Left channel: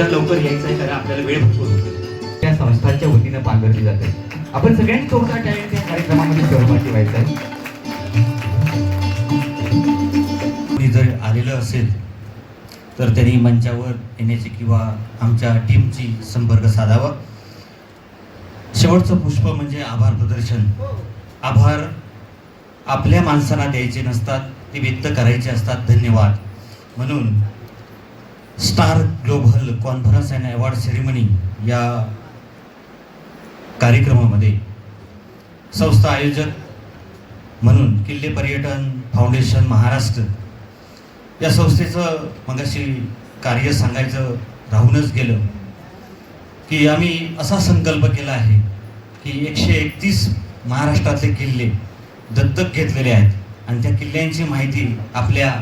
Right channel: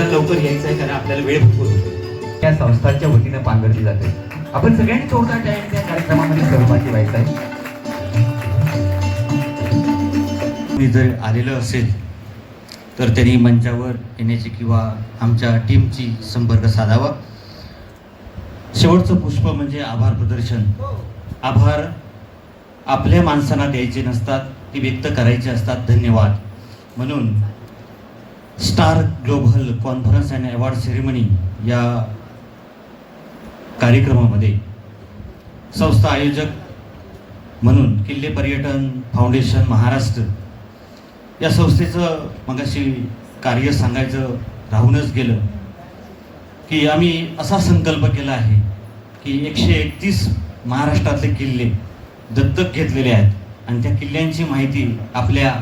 लवकरात लवकर यायचं आहे, कारण आपल्याला वेळ भरपूर होतो. त्या संस्थांच्या वतीनं पांघरली जाते. आपण सगळ्यांनी थोडा टाइम त्या कार्यक्रमामध्ये सहभागी व्हायचा आहे. जर आलेलं असेल तर त्यांनी मंचावर येण्याची किंवा आमच्या टीमची संपर्क साधावा. शेवटचं पुष्प म्हणजे आभार प्रदर्शन. आभार आपल्या माणसांना द्यायचे नसतात, ते व्यक्त करायचे असतात. धन्यवाद. म्हणून star global conference and award ceremony या कार्यक्रमामध्ये संस्था आयोजक म्हणून किल्ले पर्यटन फाउंडेशन महाराष्ट्र या संस्थेचं मगाशी कार्य सांगायचं राहूनच गेलं की आम्ही असा संकल्प केला आहे की 131 महाराष्ट्रातले किल्ले दत्तक घेतलेले आहेत आणि त्या किल्ल्यांची माहिती आपल्या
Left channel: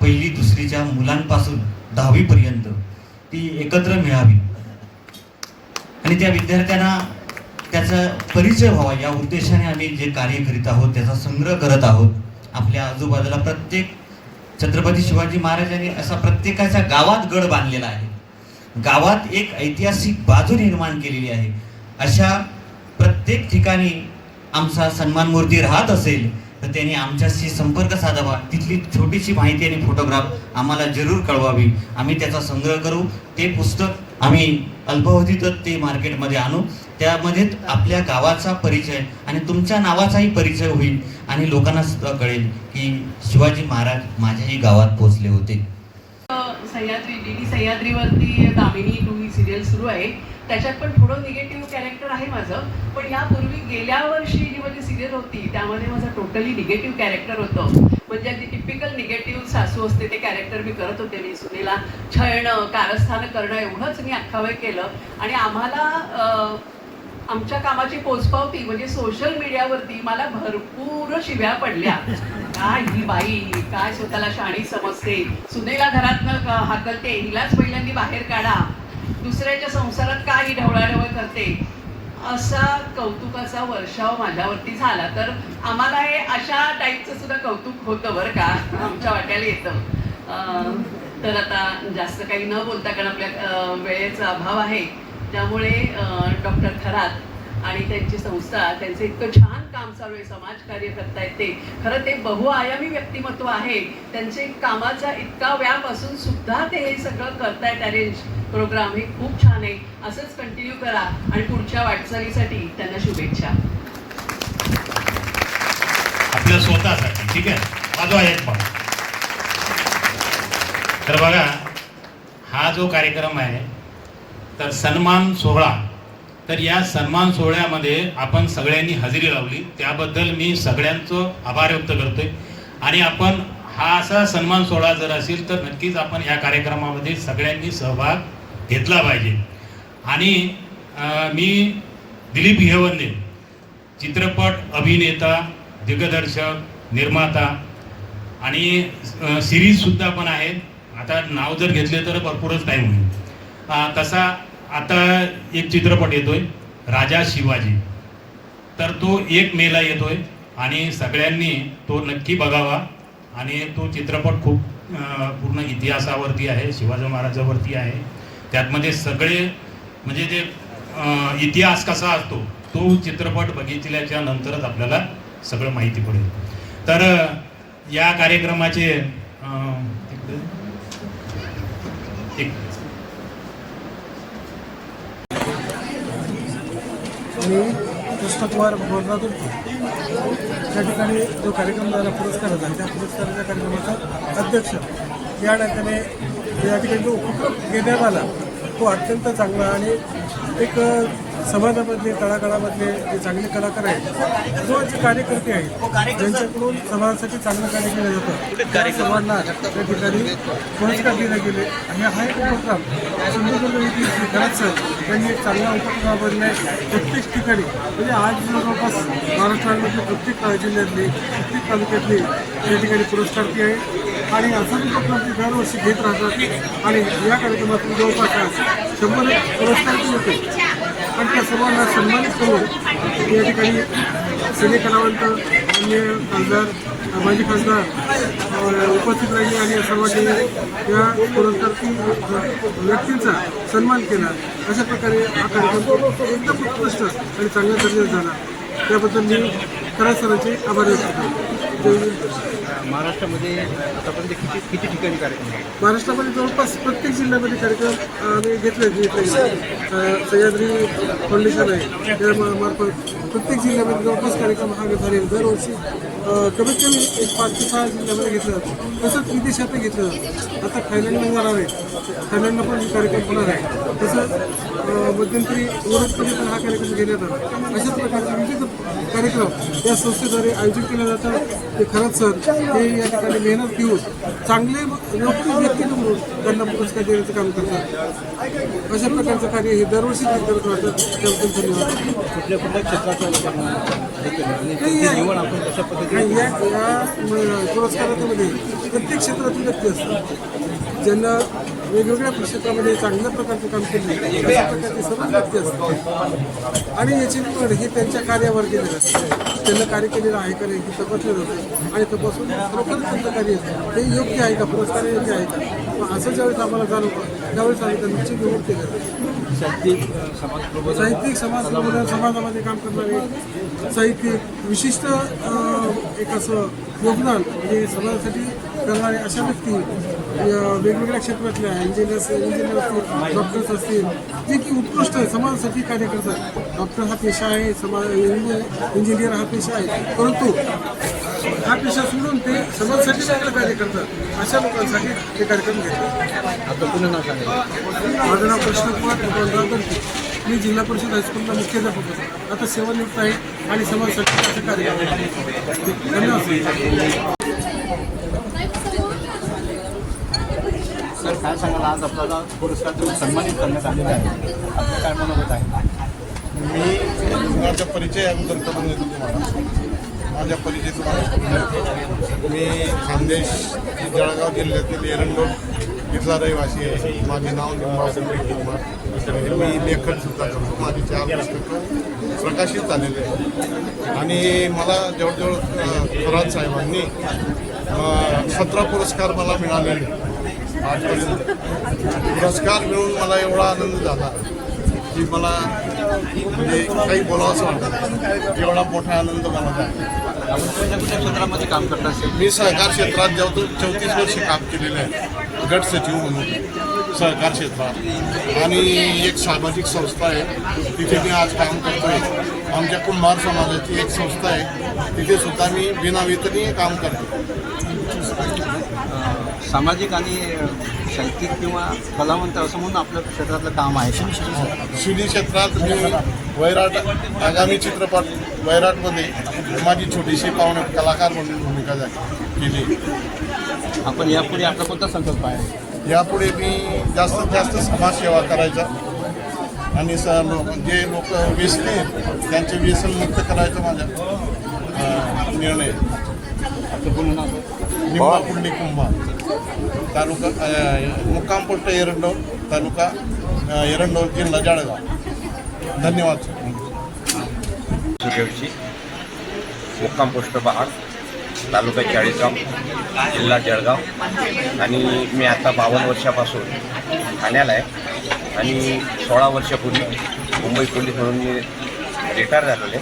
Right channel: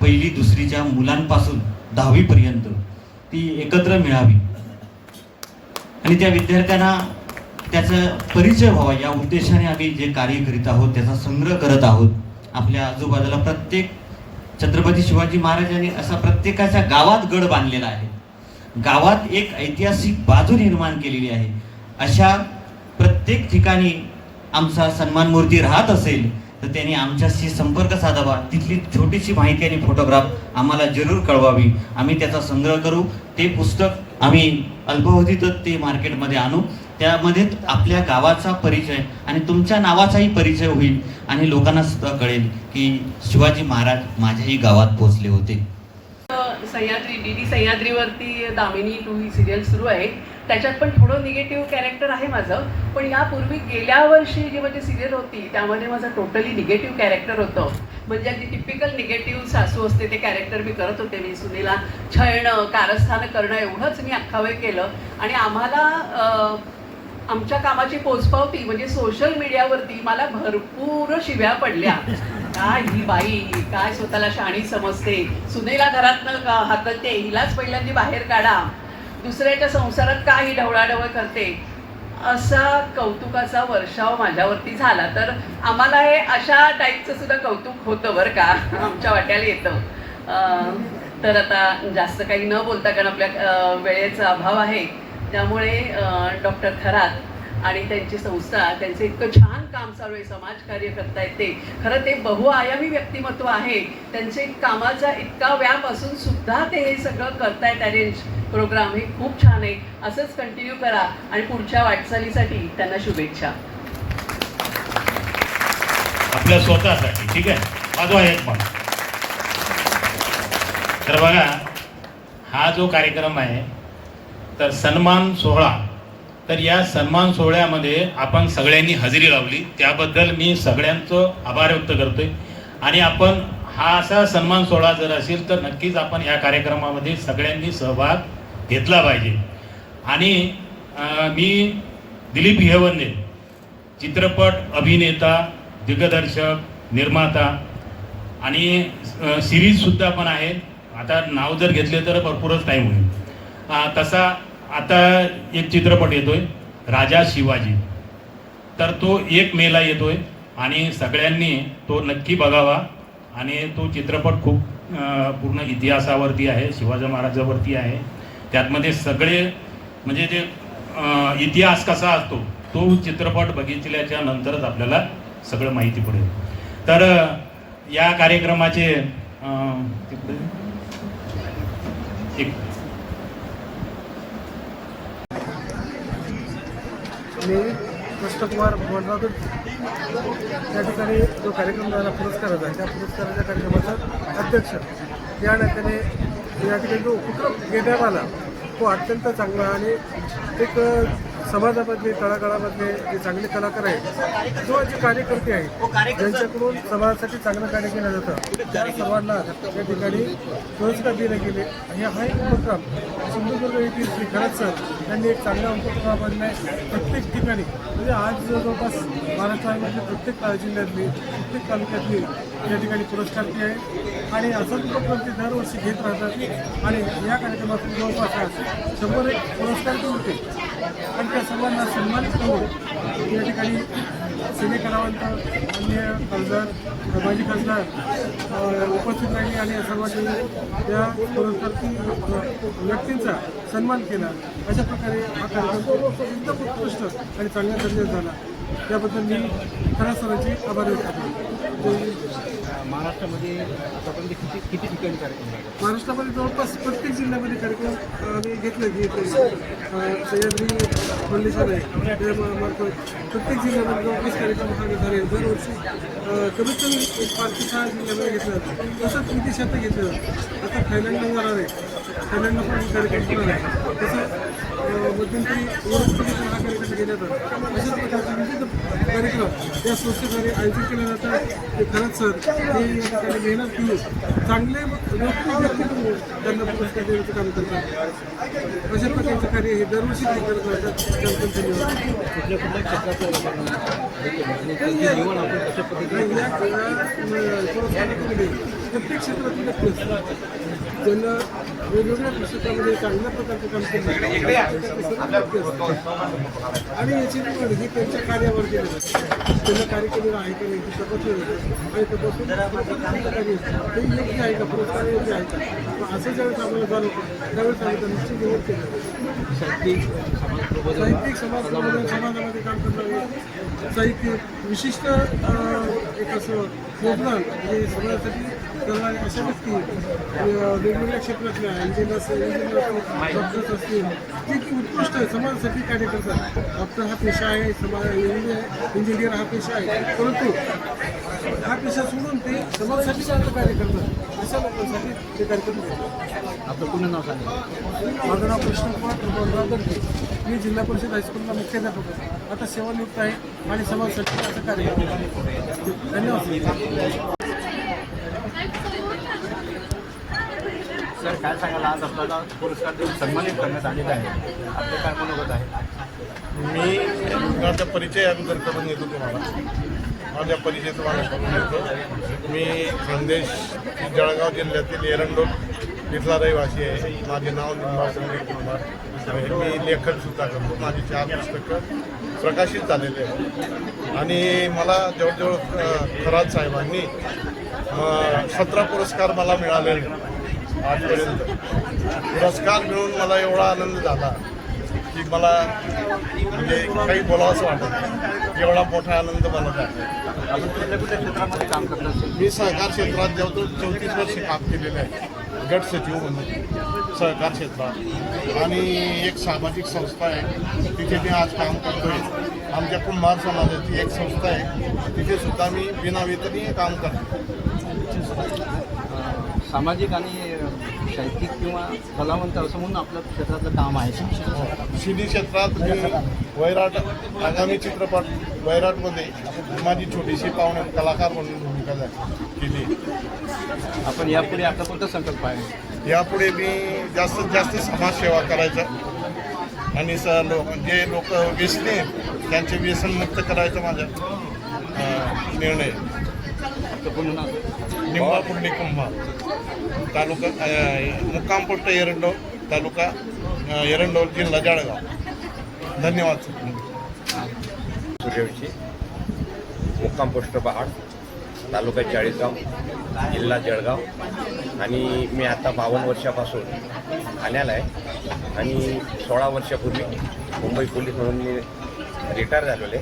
पहिली दुसरीच्या मुलांपासून 10वी पर्यंत ती एकत्र मिळावी आणि त्या विद्यार्थ्यांना त्याचा परिचय व्हावा या उद्देशाने आम्ही जे कार्य करीत आहोत त्याचा संग्रह करत आहोत. आपल्या आजूबाजूला प्रत्येक छत्रपती शिवाजी महाराजांनी असा प्रत्येकाच्या गावात गड बांधलेला आहे. गावात एक ऐतिहासिक बाजू निर्माण केलेली आहे. अशा प्रत्येक ठिकाणी आमचा सन्मान मूर्ती राहत असेल तर त्यांनी आमच्याशी संपर्क साधावा. तिथली छोटीशी माहिती आणि फोटोग्राफ आम्हाला जरूर कळवावी. आम्ही त्याचा संग्रह करू. ते पुस्तक आम्ही अल्पावधीतच ते मार्केटमध्ये आणू. त्यामध्ये आपल्या गावाचा परिचय आणि तुमच्या नावाचाही परिचय होईल आणि लोकांना सुद्धा कळेल की शिवाजी महाराज माझ्याही गावात पोहोचले होते. सह्याद्री डीडी सह्याद्रीवरती दामिनी 2 ही सिरियल सुरू आहे. त्याच्यात पण थोडं निगेटिव्ह कॅरेक्टर आहे माझं. पण यापूर्वी गेल्या वर्षी जी माझी सिरियल होती त्यामध्ये माझं टोटली निगेटिव्ह कॅरेक्टर होतं. म्हणजे अगदी टिपिकल निगेटिव्ह सासू असते ते कॅरेक्टर मी करत होते. मी सुनेला छळणं कारस्थान करणं एवढंच मी अख्खा वेळ केलं. आणि आम्हाला आमच्या कामाची पोचपावती म्हणजे सोशल मीडियावरती मला भरपूर शिव्या पडल्या. काय ही बाई, काय स्वतःला शाणी समजते, सुनेला घरातनं हाकलते, हिलाच पहिल्यांदा बाहेर काढा, दुसऱ्याच्या संसारात काही ढवळाढवळ करते, असा कौतुकाचा वर्षाव माझ्यावरती झाला. तर आम्हाला हे अशा टाईपचं सुद्धा कौतुक होतं बरं का, आमच्या वाट्याला येतं. तर आता जास्त काही न बोलता, कारण आपल्या वेळेचा अभाव आहे, त्यामुळे डॉक्टर खरात आणि त्यांची संस्था त्यांचं इतकं छान काम चालू आहे, समाजकार्य करतायत ते. खरं ते बहुआयामी व्यक्तिमत्व आहे. त्यांचे कामाचा इतका व्याप असून सुद्धा ते हे सगळं करतायत. अरेंज प्रोग्राम हे खूप छान आहे. असंच कंटिन्यू करा आणि पुढच्या वाटचालीसाठी त्यांना शुभेच्छा. आपल्या स्वतःसाठी ठीक आहे. माझा आहेत मग तर बघा, हा जो कार्यक्रम आहे तर सन्मान सोहळा, तर या सन्मान सोहळ्यामध्ये आपण सगळ्यांनी हजेरी लावली, त्याबद्दल मी सगळ्यांचं आभार व्यक्त करतोय. आणि आपण हा असा सन्मान सोहळा जर असेल तर नक्कीच आपण या कार्यक्रमामध्ये सगळ्यांनी सहभाग घेतला पाहिजे. आणि मी दिलीप हिरवंदे, चित्रपट अभिनेता, दिग्दर्शक, निर्माता आणि सिरीजसुद्धा पण आहे. आता नाव जर घेतले तर भरपूरच टाईम होईल. तसा आता एक चित्रपट येतोय राजा शिवाजी, तर तो 1 मेला येतोय आणि सगळ्यांनी तो नक्की बघावा. आणि तो चित्रपट खूप पूर्ण इतिहासावरती आहे, शिवाजी महाराजावरती आहे. त्यातमध्ये सगळे म्हणजे जे इतिहास कसा असतो तो चित्रपट बघितल्याच्या नंतरच आपल्याला सगळं माहिती पडेल. तर या कार्यक्रमाचे एक मी कृष्णकुमार बोलतो. त्या ठिकाणी जो कार्यक्रम झाला पुरस्काराचा, त्या पुरस्काराच्या कार्यक्रमाचा अध्यक्ष या ठिकाणी जो उपक्रम घेण्यात आला तो अत्यंत चांगला आणि एक समाजामधले तळागाळामधले जे चांगले कलाकार आहेत, जो जे कार्यकर्ते आहेत त्यांच्याकडून समाजासाठी चांगलं कार्य केलं जातं. त्या सर्वांना त्या ठिकाणी पुरस्कार दिले गेले. आणि हा एक उपक्रम सिंधुदुर्ग येथील श्री खरात सर यांनी एक चांगला उपक्रम राबवला आहे. प्रत्येक ठिकाणी म्हणजे आज जवळपास महाराष्ट्रामधले प्रत्येक जिल्ह्यातली, प्रत्येक तालुक्यातली त्या ठिकाणी पुरस्कार ती आहे. आणि असं उपक्रम ते दरवर्षी घेत राहतात. आणि या कार्यक्रमातून जवळपास 100 पुरस्कार पण होते. आणि त्या सर्वांना सन्मानित करून या ठिकाणी सिने कलावंत, अन्य खासदार माजी खासदार उपस्थित राहिले आणि सर्वांनी या पुरस्कारची व्यक्तींचा सन्मान केला. अशा प्रकारे हा कार्यक्रम एकदम उत्कृष्ट आणि चांगल्या दर्जाचा झाला. त्याबद्दल मी खरंच सरांचे आभार व्यक्त करतो. महाराष्ट्रामध्ये आतापर्यंत किती ठिकाणी कार्यक्रम झाले? महाराष्ट्रामध्ये जवळपास प्रत्येक जिल्ह्यामध्ये कार्यक्रम आम्ही घेतले. सह्याद्री फाउंडेशन आहे त्या मार्फत प्रत्येक जिल्ह्यामध्ये जवळपास कार्यक्रम हा झाले. दरवर्षी कमीत कमी 5 ते 6 जिल्ह्यामध्ये घेतलं जातं. तसंच विदेशातही घेतलं जातं. आता थायलंडला जाणार आहे, थायलंडला पण कार्यक्रम होणार आहे. तसं मध्यंतरी युरोपमध्ये पण हा कार्यक्रम घेण्यात आला. अशा प्रकारचे विविध कार्यक्रम या संस्थेद्वारे आयोजित केले जातात. ते खरंच सर हे या ठिकाणी मेहनत घेऊन चांगले लोकप्रिय व्यक्ती म्हणून त्यांना पुरस्कार देण्याचं काम करतात. अशा प्रकारचं कार्य हे दरवर्षी ते करत राहतात. धन्यवाद. या पुरस्कारामध्ये प्रत्येक क्षेत्रातील व्यक्ती असतात ज्यांना वेगवेगळ्या क्षेत्रामध्ये चांगल्या प्रकारचे काम केले सर्व व्यक्ती असतात आणि याची निवड हे त्यांच्या कार्यावर केलं जातं. त्यांना कार्य केलेलं आहे का नाही हे तपासलं जातं आणि तपासून खरोखर त्यांचं कार्य ते योग्य आहे का, पुरस्कार योग्य आहे का, असं ज्यावेळेस आम्हाला जाणवतं त्यावेळेस आम्ही त्यांची निवड केली जाते. साहित्यिक समाजामध्ये काम करणारे साहित्यिक विशिष्ट एक असं योगदान म्हणजे समाजासाठी करणारे अशा व्यक्ती वेगवेगळ्या क्षेत्रातल्या इंजिनियर्स डॉक्टर्स असतील जे की उत्कृष्ट समाजासाठी कार्य करतात. डॉक्टर हा पेशा आहे, इंजिनियर हा पेशा आहे, परंतु हा पेशा सोडून ते समाजासाठी चांगलं कार्य करतात. अशा लोकांसाठी ते कार्यक्रम घेतात. आपलं पुन्हा नाव सांगायचं? माझं नाव कृष्ण कुमार. मी जिल्हा परिषद हायस्कूलला मुख्याध्यापक आहे. आता सेवानिवृत्त आहे आणि समाजासाठी असं कार्य करतो. धन्यवाद. सर काय सांगाल, आज आपल्याला पुरस्कार सन्मानित करण्यात आलेला आहे, आपलं काय मनोगत आहे? मी माझा परिचय अगोदर करून देतो तुम्हाला. माझ्या परिचय तुम्हाला करून देतो. मी खानदेश जळगाव जिल्ह्यातील एरंडोल इथला रहिवासी आहे. माझे नाव निंबाळकर कुमार. मी लेखन सुद्धा करतो. माझे 4 पुस्तकं प्रकाशित झालेले आहेत आणि मला जवळजवळ खरात साहेबांनी 17 पुरस्कार मला मिळालेले आजपर्यंत. पुरस्कार मिळून मला एवढा आनंद झाला की मला म्हणजे काही बोलावंसं वाटतं. एवढा मोठा आनंद मला आहे. कुठल्या क्षेत्रामध्ये काम करत असेल? मी सहकार क्षेत्रात जवळजवळ 34 वर्षे काम केलेले आहे. गट सचिव म्हणून सहकार क्षेत्रात आणि एक सामाजिक संस्था आहे तिथे मी आज काम करतो आहे. आमच्या कुंभार समाजाची एक संस्था आहे तिथे सुद्धा मी बिनावेतनी काम करतो. सामाजिक आणि साहित्यिक किंवा कलावंत असं म्हणून आपल्या क्षेत्रातलं काम आहे. शिडी क्षेत्रात मी वैराट आगामी चित्रपट वैराटमध्ये माझी छोटीशी पाहुणे कलाकार म्हणून भूमिका केली. आपण यापुढे आपला कोणता संकल्प आहे? यापुढे मी जास्तीत जास्त समाजसेवा करायचा आणि जे लोक व्यसनी आहेत त्यांचे व्यसनमुक्त करायचं माझा निर्णय. निंबा पुंडे कुंभार, तालुका मुक्काम पोस्ट एरंडोल, तालुका एरंडोल, जिल्हा जळगाव. धन्यवाद. सूर्यवंशी, मुक्काम पोस्ट बहाड, तालुका चाळीसगाव, जिल्हा जळगाव. आणि मी आता 52 वर्षापासून ठाण्याला आहे आणि 16 वर्षापूर्वी मुंबई पोलीस म्हणून मी रिटायर झालेले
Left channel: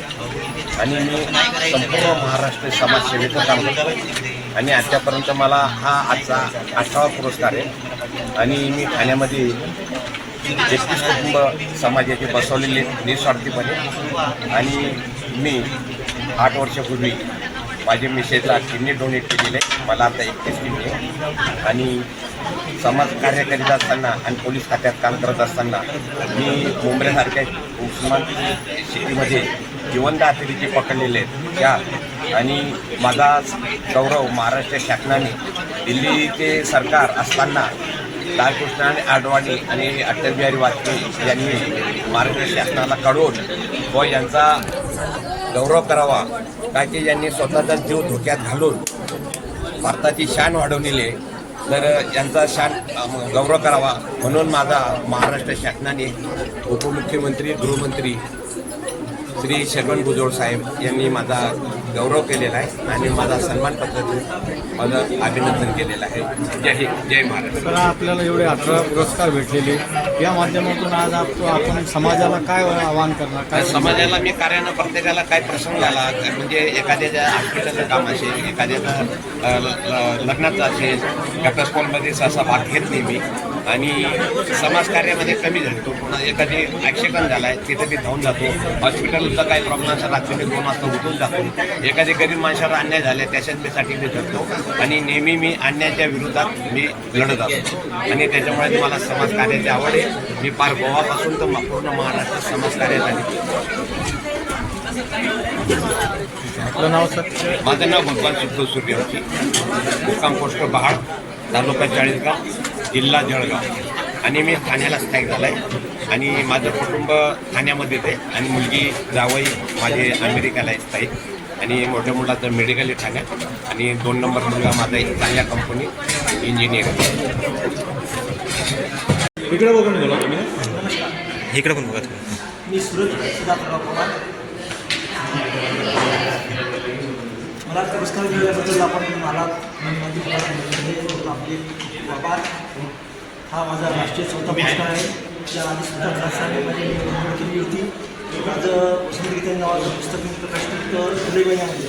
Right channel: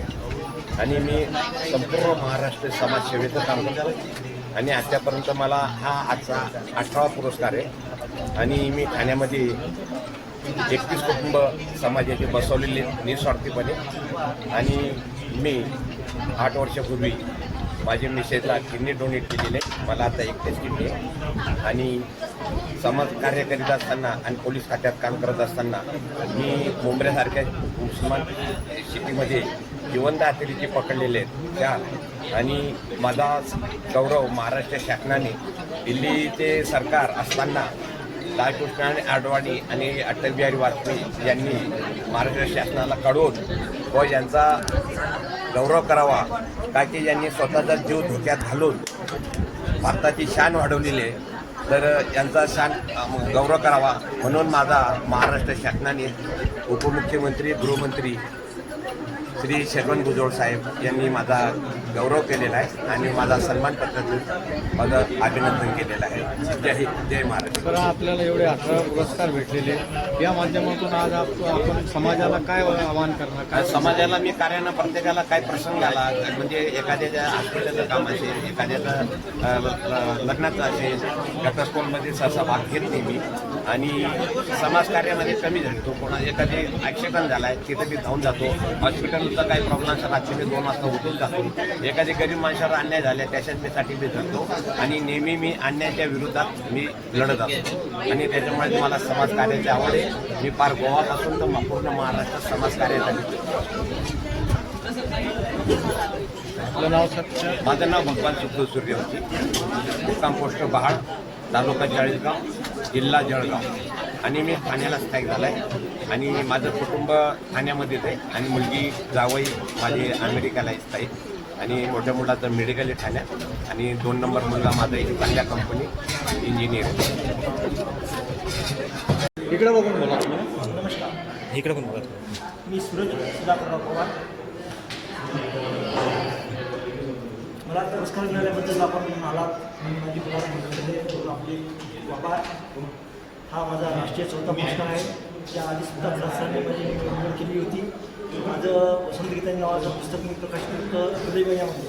आणि मी संपूर्ण महाराष्ट्र समाजसेवेचं काम करतो आणि आतापर्यंत मला हा आजचा 18वा पुरस्कार आहे. आणि मी ठाण्यामध्ये 31 कुटुंब समाजाचे बसवलेले निस्वार्थीपणे आणि मी 8 वर्षापूर्वी माझे मिसेसला किडनी डोनेट केलेले. मला आता 31 किडनी आणि समाज कार्य करीत असताना आणि पोलीस खात्यात काम करत असताना मी मुंबईसारख्या उस्मान सिटीमध्ये जिवंत हत्यारे पकडलेले आहेत त्या आणि माझा गौरव महाराष्ट्र शासनाने दिल्लीचे सरकार असताना लालकृष्ण अडवाणी आणि अटल बिहारी वाजपेयी यांनी महाराष्ट्र शासनाला कळवून व यांचा गौरव करावा का की यांनी स्वतःचा जीव धोक्यात घालून भारताची शान वाढवलेली आहे. तर यांचा शान गौरव करावा म्हणून माझा महाराष्ट्र शासनाने उपमुख्यमंत्री गृहमंत्री श्री छगन भुजबळ साहेब यांनी माझा गौरव केलेला आहे आणि माझा सन्मान पद्धतीने माझं अभिनंदन केलेलं आहे. जय हिंद, जय महाराष्ट्र. तर आपल्याला एवढे 18 पुरस्कार भेटलेले, या माध्यमातून आज आपण समाजाला काय आवाहन करणार, काय समाजाला मी कार्यानं प्रत्येकाला काय प्रसंग आला म्हणजे एखाद्याच्या हॉस्पिटलचं काम असेल, एखाद्याचं लग्नाचं असेल, घटस्फोटमध्ये सहसा भाग घेत नाही मी आणि समाजकार्यामध्ये कमी झालो. पुन्हा एखादी ॲक्सिडेंट झाला आहे तिथे मी धावून जातो. हॉस्पिटलचा काही प्रॉब्लेम असेल रात्री मी 2 वाजता उठून जातो. एखाद्या गरीब माणसाला अन्याय झाले त्याच्यात मी सर्टिफिकेट करतो आणि नेहमी मी अन्यायाच्या विरोधात मी लढत असतो आणि त्याच्यामुळे मला समाजकार्याची आवड आहे. मी पार गोवापासून तर पूर्ण महाराष्ट्रात समाजकार्यासाठी. आपलं नाव सर? माझं नाव भगवान सिद्धू सूर्यवंशी, मुक्काम पोस्ट पहाड, तालुका चाळीसगाव, जिल्हा जळगाव आणि मी ठाण्याला स्थायिक झाला आहे आणि माझं कुटुंब ठाण्यामध्येच आहे आणि मुलगी जावई माझे अमेरिकेला आहे स्थायिक आणि मोठ्या मुलाचं मेडिकल आहे ठाण्यात आणि 2 नंबर मुलगा माझा एक चांगल्या कंपनी इंजिनियर. इकडे बघून बोला तुम्ही. इकडे पण बघा तुम्ही. मी सुरत सुधाकर पवार. मला पुरस्कार मिळाल्याबद्दल आपण मला आपले आभार. हा माझा राष्ट्रीय चौथा पुरस्कार आहे. त्या आधी सुद्धा खासाने निवड केली होती. माझं वसंत गीते नावाचं पुस्तक मी प्रकाशित जुलै महिन्यामध्ये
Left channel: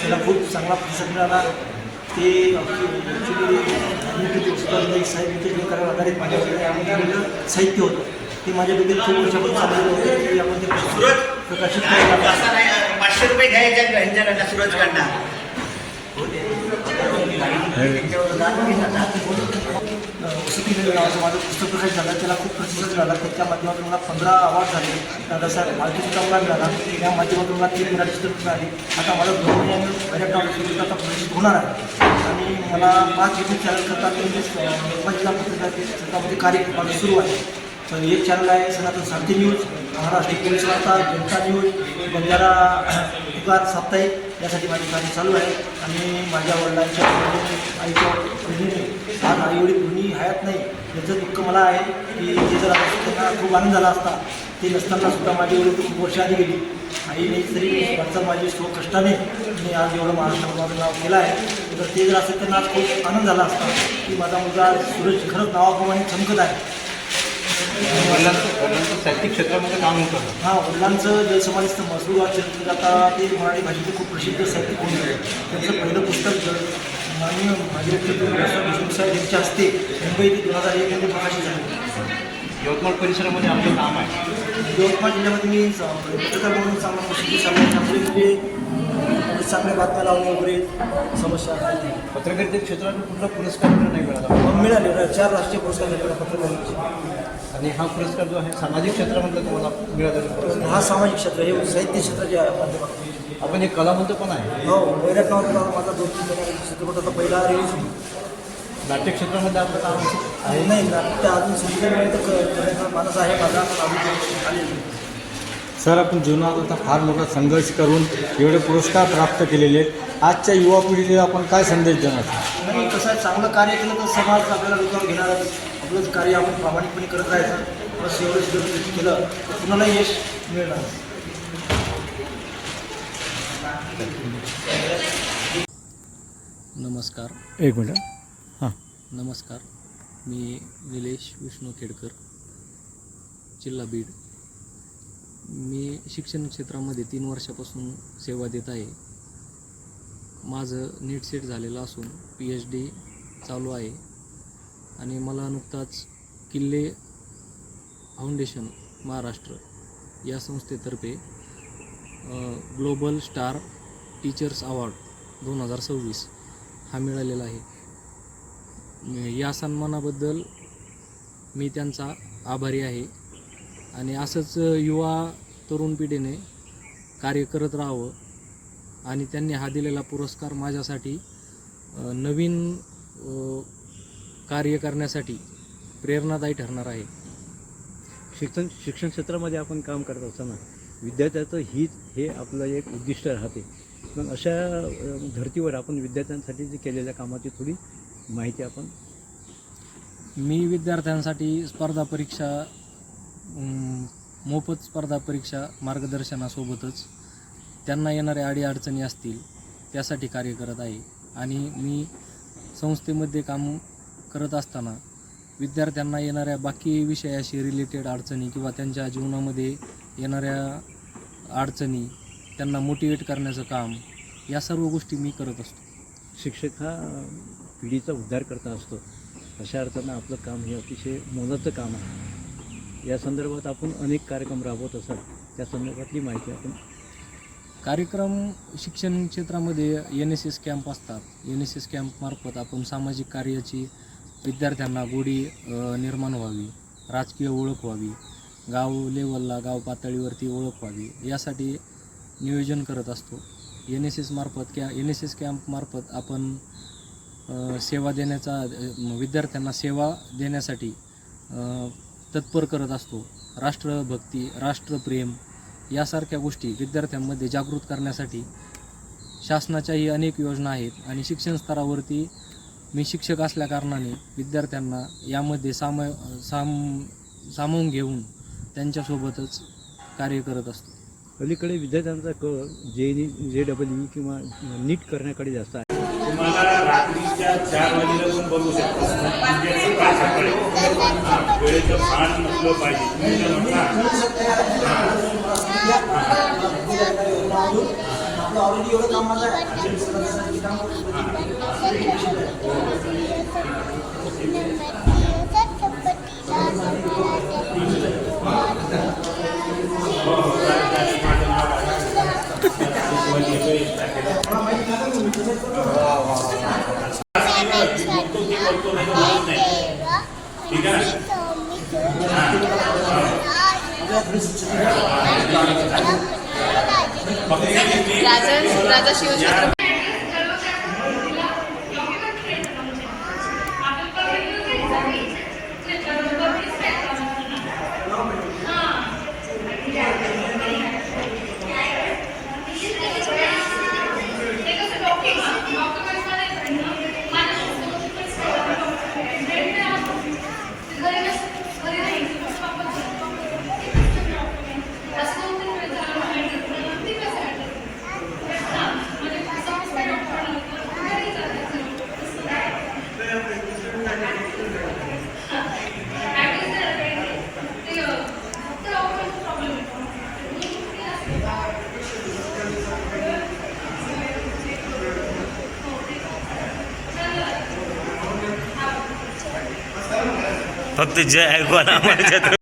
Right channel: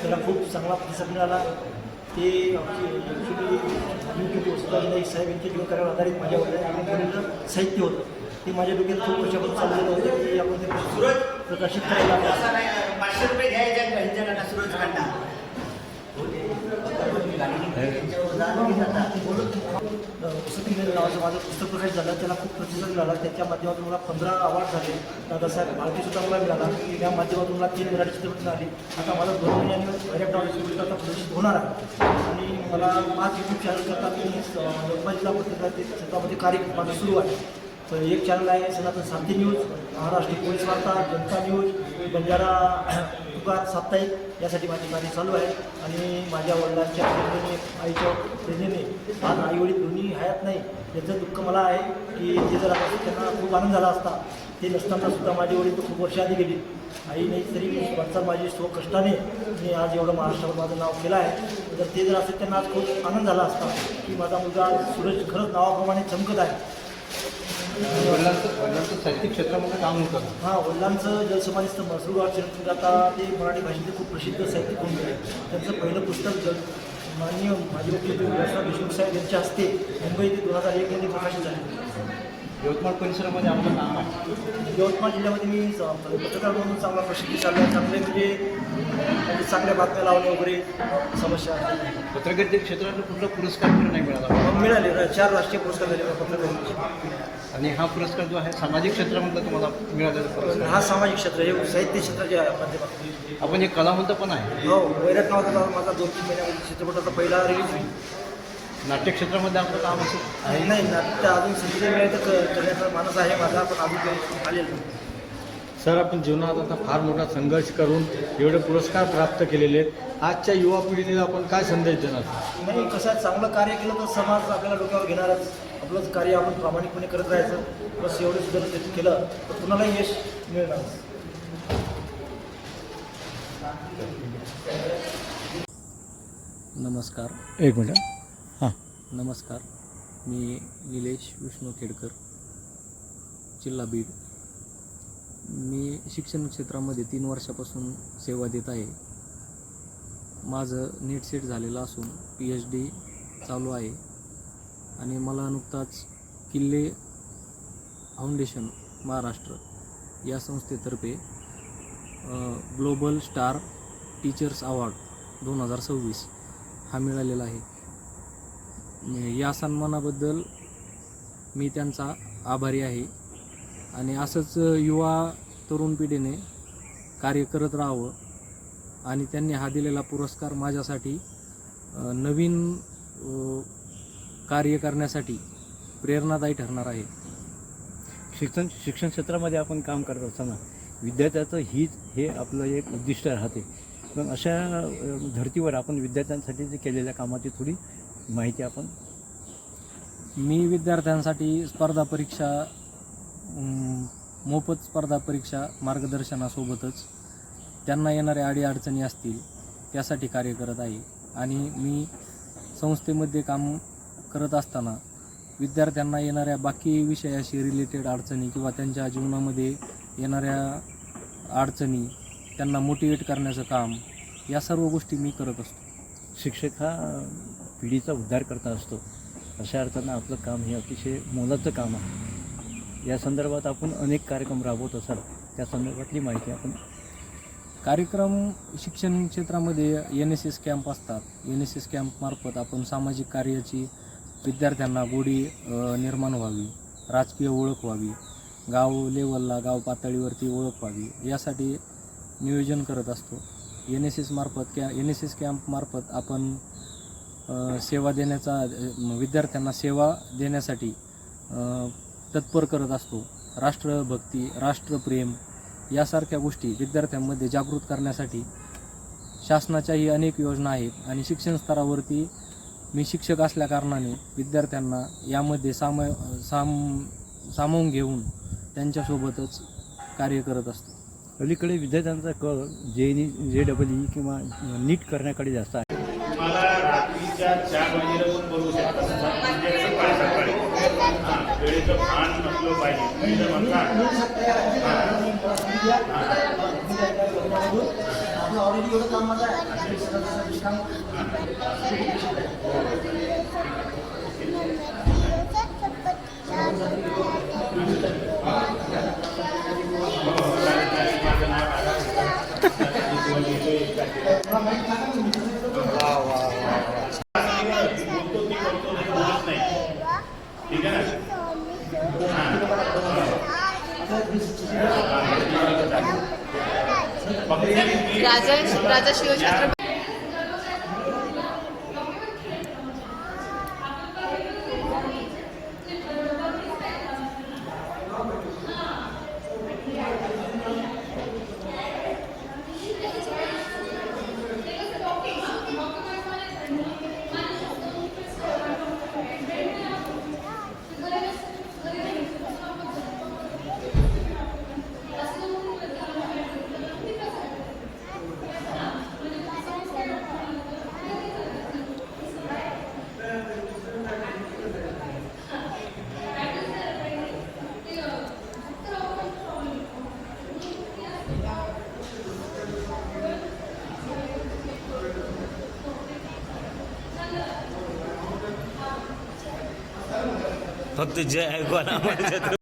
त्याला खूप चांगला प्रतिसाद मिळाला. ते ॲक्च्युली साहेब यांचे कार्यावर आधारित माझ्याकडे साहित्य होतं. ते माझ्याबद्दल खूप वर्षापासून चालू होते की आपण ते प्रकाशित करायला 500 रुपये घ्यायचे ह्यांच्याकडनं सुरजकडनं. माझं पुस्तक प्रकाशित झालं त्याला खूप प्रतिसाद मिळाला. त्याच्या माध्यमातून मला 15 अवॉर्ड झाले. दादासाहेब फाल्के चित्रपट मिळाला. त्या माध्यमातून मला 3 मराठी चित्रपट मिळाली. आता मला 2 महिन्यानं पहिल्या चित्रपट प्रदर्शित होणार आहे आणि मला 5 यूट्यूब चॅनल करतात जिल्हा पत्रकारितेमध्ये कार्य माझं सुरू आहे. तर एक चॅनल आहे सनातन सारथी न्यूज, महाराष्ट्र पोलीस वार्ता, जनता न्यूज, बंजारा युगात साप्ताहिक, यासाठी माझी कार्य चालू आहे. आणि माझ्या वडिलांच्या आईच्या आज आईवडील दोन्ही हयात नाही याचं दुःख मला आहे की ते जर त्यांना खूप आनंद झाला असता. ते नसताना सुद्धा माझी वडील खूप वर्ष आधी गेली. आईने तरी माझं माझे सो कष्टाने मी आज एवढं महाराष्ट्रात माझं नाव केलं आहे. तर ते जर असेल त्यांना आज खूप आनंद झाला असता की माझा मुलगा सूरज खरंच नावाप्रमाणे चमकत आहे. वडिलांचं साहित्यिक क्षेत्रामध्ये काम होतं. हां, वडिलांचं जे समाज मसरूगाव क्षेत्र आता ते मराठी भाषेचे खूप प्रसिद्ध साहित्यिक होऊन गेले. त्यांचं पहिलं पुस्तक माननीय देशमुख साहेब यांच्या हस्ते मुंबई ते 2001 मध्ये प्रकाशित झालं. यवतमाळ परिसरामध्ये आपलं काम आहे. यवतमाळ जिल्ह्यामध्ये मी पत्रकार म्हणून चांगला प्रसिद्धी चालू म्हणजे चांगल्या बातम्या लावणे वगैरे समस्या. पत्रकारिते क्षेत्रात कुठला पुरस्कार नाही मिळाला? मिळाले 4 राष्ट्रीय पुरस्कार मिळाला पत्रकारितेचे. आणि हा पुरस्कार जो आहे सामाजिक क्षेत्रामध्ये तुम्हाला मिळालेला पुरस्कार. हा सामाजिक क्षेत्र हे साहित्य क्षेत्र जे आहे. आपण एक कलावंत पण आहे. हो, पहिल्या काळात माझा 2-3 चित्रपटाचा पहिला रिलीज होईल. नाट्य क्षेत्रामध्ये आपलं काम आहे नाही त्या अजून संगीत माणूस आहे माझा. सर, आपण जीवनात आता फार मोठा संघर्ष करून एवढे पुरस्कार प्राप्त केलेले आहेत. आजच्या युवा पिढीला आपण काय संदेश देणार? आणि कसं आहे, चांगलं कार्य केलं तर समाज आपल्याला लोकांवर घेणार. आपलंच कार्य आपण प्रामाणिकपणे करत राहायचं. बस एवढंच जर केलं तर कुणाला यश मिळणार. नमस्कार. एक मिनटं. हां, नमस्कार. मी निलेश विष्णू खेडकर, जिल्हा बीड. मी शिक्षण क्षेत्रामध्ये 3 वर्षापासून सेवा देत आहे. माझं नीट सेट झालेलं असून PhD चालू आहे आणि मला नुकताच किल्ले फाउंडेशन महाराष्ट्र या संस्थेतर्फे ग्लोबल स्टार टीचर्स अवॉर्ड 2026 हा मिळालेला आहे. या सन्मानाबद्दल मी त्यांचा आभारी आहे आणि असंच युवा तरुण पिढीने कार्य करत राहावं आणि त्यांनी हा दिलेला पुरस्कार माझ्यासाठी नवीन कार्य करण्यासाठी प्रेरणादायी ठरणार आहे. शिक्षण क्षेत्रामध्ये आपण काम करत असताना विद्यार्थ्याचं हित हे आपलं एक उद्दिष्ट राहते. पण अशा धर्तीवर आपण विद्यार्थ्यांसाठी जे केलेल्या कामाची थोडी माहिती आपण. मी विद्यार्थ्यांसाठी स्पर्धा परीक्षा मोफत स्पर्धा परीक्षा मार्गदर्शनासोबतच त्यांना येणाऱ्या अडीअडचणी असतील त्यासाठी कार्य करत आहे. आणि मी संस्थेमध्ये काम करत असताना विद्यार्थ्यांना येणाऱ्या बाकी विषयाशी रिलेटेड अडचणी किंवा त्यांच्या जीवनामध्ये येणाऱ्या अडचणी त्यांना मोटिवेट करण्याचं काम, या सर्व गोष्टी मी करत असतो. शिक्षक हा पिढीचा उद्धार करता असतो. अशा अर्थानं आपलं काम हे अतिशय मोलाचं काम आहे. या संदर्भात आपण अनेक कार्यक्रम राबवत असाल, त्या संदर्भातली माहिती आपण. कार्यक्रम शिक्षण क्षेत्रामध्ये NSS कॅम्प असतात. NSS कॅम्पमार्फत आपण सामाजिक कार्याची विद्यार्थ्यांना गोडी निर्माण व्हावी, राजकीय ओळख व्हावी, गाव लेवलला गाव पातळीवरती ओळख व्हावी, यासाठी नियोजन करत असतो. NSS कॅम्पमार्फत आपण सेवा देण्याचा, विद्यार्थ्यांना सेवा देण्यासाठी तत्पर करत असतो. राष्ट्रभक्ती, राष्ट्रप्रेम यासारख्या गोष्टी विद्यार्थ्यांमध्ये जागृत करण्यासाठी शासनाच्याही अनेक योजना आहेत. आणि शिक्षण स्तरावरती मी शिक्षक असल्याकारणाने विद्यार्थ्यांना यामध्ये सामावून घेऊन त्यांच्यासोबतच कार्य करत असतो. अलीकडे विद्यार्थ्यांचा कल JEE किंवा नीट करण्याकडे जास्त आहे. तुम्हाला रात्रीच्या 4 वाजेला पण बोलू शकता, म्हणजे सकाळी वेळेचं भान नसलं पाहिजे. आपलं ऑलरेडी एवढं काम माझं आहे. ठीक आहे. राजा शिवछत्रपती फक्त जे ऐकू ना